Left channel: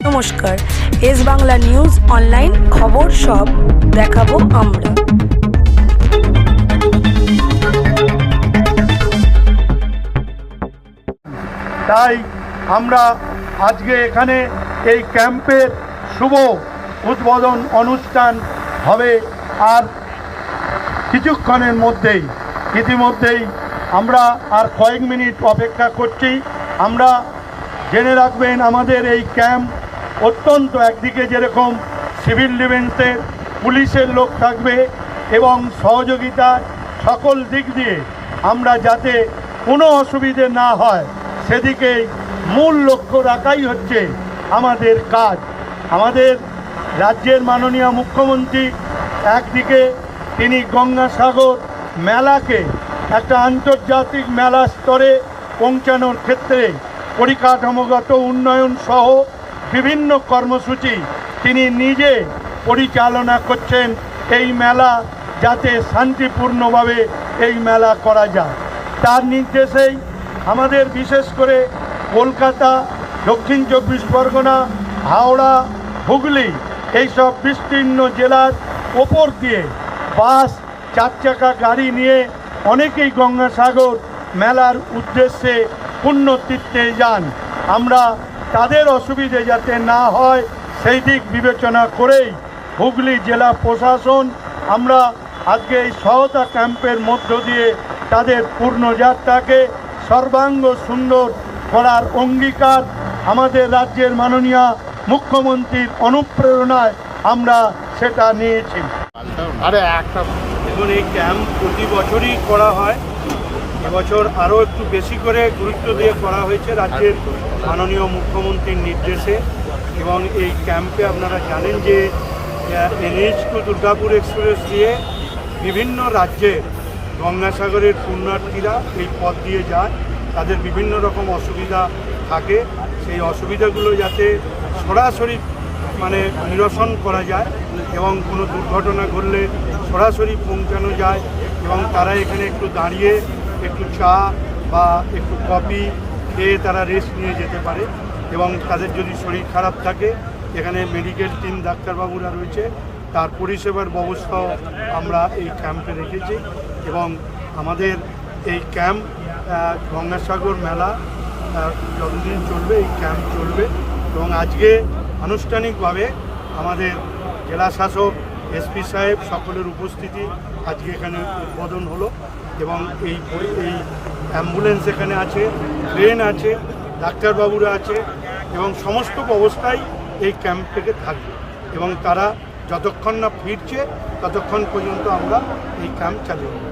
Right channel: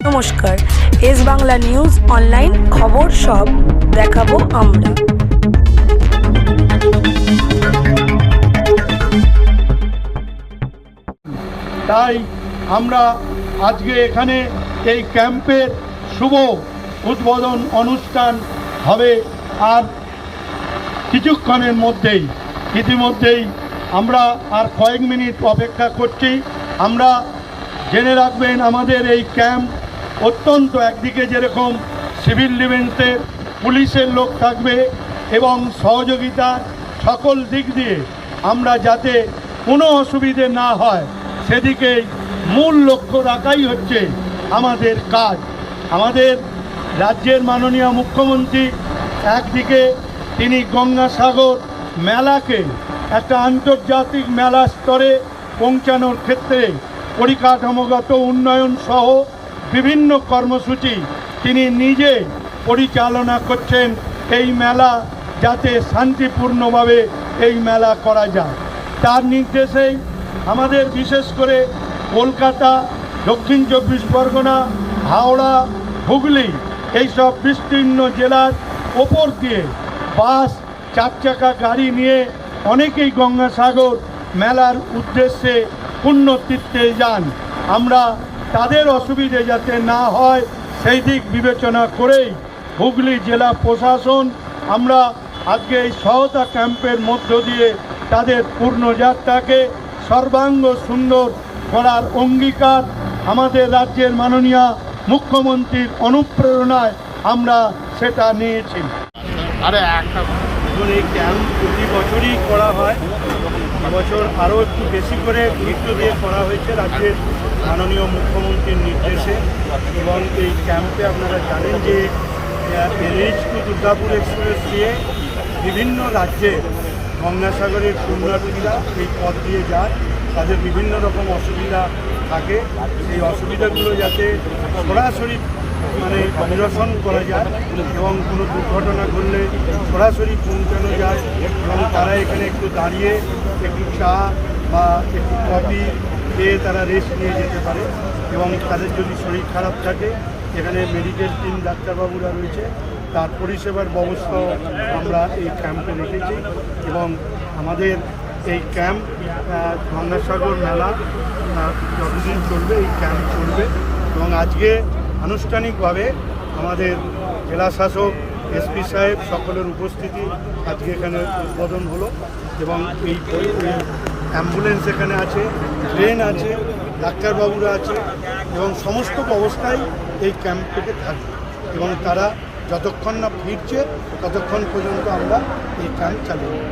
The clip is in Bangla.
নমস্কার, এস বাংলা নিউজ অনলাইন খবর সব দেখাবো আমরা। তাই আমরা আজকে এখানে এই ক্যাম্পের শুভ উদ্বোধন অনুষ্ঠান হবে আর কিছুক্ষণের মধ্যেই, ইতিমধ্যেই আমরা আর কয়েক মিনিট অপেক্ষা করছি। আমরা জেনে রাখবেন আমাদের এই ক্যাম্প অত্যন্ত একদিকে যেরকম সিভিল ডিফেন্সের পুলিশের লোক থাকবে এবং সহযোগিতা সকল দিক দিয়ে আমরা যাতে কোনো অসুবিধে না হয়, সেদিকে মূল লক্ষ্য রাখাই হচ্ছে আমাদের কাজ। আমাদের রাজ্যের মাননীয় মুখ্যমন্ত্রী একদিকে তিনি গঙ্গাসাগর মেলাকে একটা আন্তর্জাতিক মেলা স্তরে পৌঁছানোর ক্ষেত্রে পরিকাঠামোগত উন্নয়ন সহ বিভিন্ন কর্মসূচি তিনি নিজে পরিচালনা করছেন এই মেলা যাতে শান্তিপূর্ণভাবে এই মেলা করা যায়। তার নির্দেশেই আমাদের বিশেষ করে কলকাতা, দক্ষিণ চব্বিশ পরগনা, হাওড়া, হুগলি এইসব বিস্তীর্ণ জেলার ওপর দিয়ে বাস চার চাকা গাড়ি নিয়ে অনেকেই গঙ্গাসাগর মেলার উদ্দেশ্যে পুণ্যতীর্থে যান। আমরা তাদের অসুবিধে যাতে না হয়, সেই দিক বিবেচনা করেই হুগলি জেলা প্রশাসন আমরা আজকে এই সহতা ক্যাম্পের মধ্য দিয়ে তাদের পূর্ণযাত্রাকে সর্বাঙ্গ সুন্দর করার অঙ্গীকার আমাদের রাজ্যের মাননীয় মুখ্যমন্ত্রীর অনুপ্রেরণায় আমরা সেটা নিয়েছি। দেখুন, এই ক্যাম্প প্রতি বছরই করা হয়। বছর আরও একটু বেশি করে গুরুত্ব দিয়ে করা হয়েছে রাজ্যের মাননীয় মুখ্যমন্ত্রীর নির্দেশে এবং এই ক্যাম্পে আপনারা জানেন যে এনএইচ টু দুর্গাপুর এক্সপ্রেস দিয়ে বিভিন্ন রাজ্যের গঙ্গাসাগরের পুণ্যার্থীরা এই পথ দিয়ে যায়। তাদের বিভিন্ন রকম অসুবিধা থাকে। সেই অসুবিধাগুলো যাতে সরাসরি মানে নিরসন করা যায় এবং কোনো দুর্ঘটনা ঘটলে সরাসরি পৌঁছানো যায় এবং তারা এখানে একটু দাঁড়িয়ে একটু চা বা একটু কফি খেয়ে তারা রেস্ট নিয়ে যেতে পারে এবং তাদের যদি শরীর খারাপ থাকে, এখানে মেডিকেল টিম ডাক্তারবাবুরা রয়েছে। তার পরিষেবার ব্যবস্থাও আমরা এই ক্যাম্পে রেখেছি এবং আমাদের এই ক্যাম্প গঙ্গাসাগর মেলা যতদিন চলবে, এই ক্যাম্প চলবে এবং আজকে আনুষ্ঠানিকভাবে আমাদের জেলা শাসক এসপি সাহেব সকলের উপস্থিতি আজকে এখানে উদ্বোধন হলো এবং এই অ্যাম্বুলেন্স এখানে আছে ট্রেন আছে, ডাক্তারবাবুরা আছে এবং সমস্ত অবস্থায় এই ক্যাম্প থেকে থাকবে এবং তারা যতক্ষণ না ফিরছে ততক্ষণ পর্যন্ত আমরা এই ক্যাম্প চালিয়ে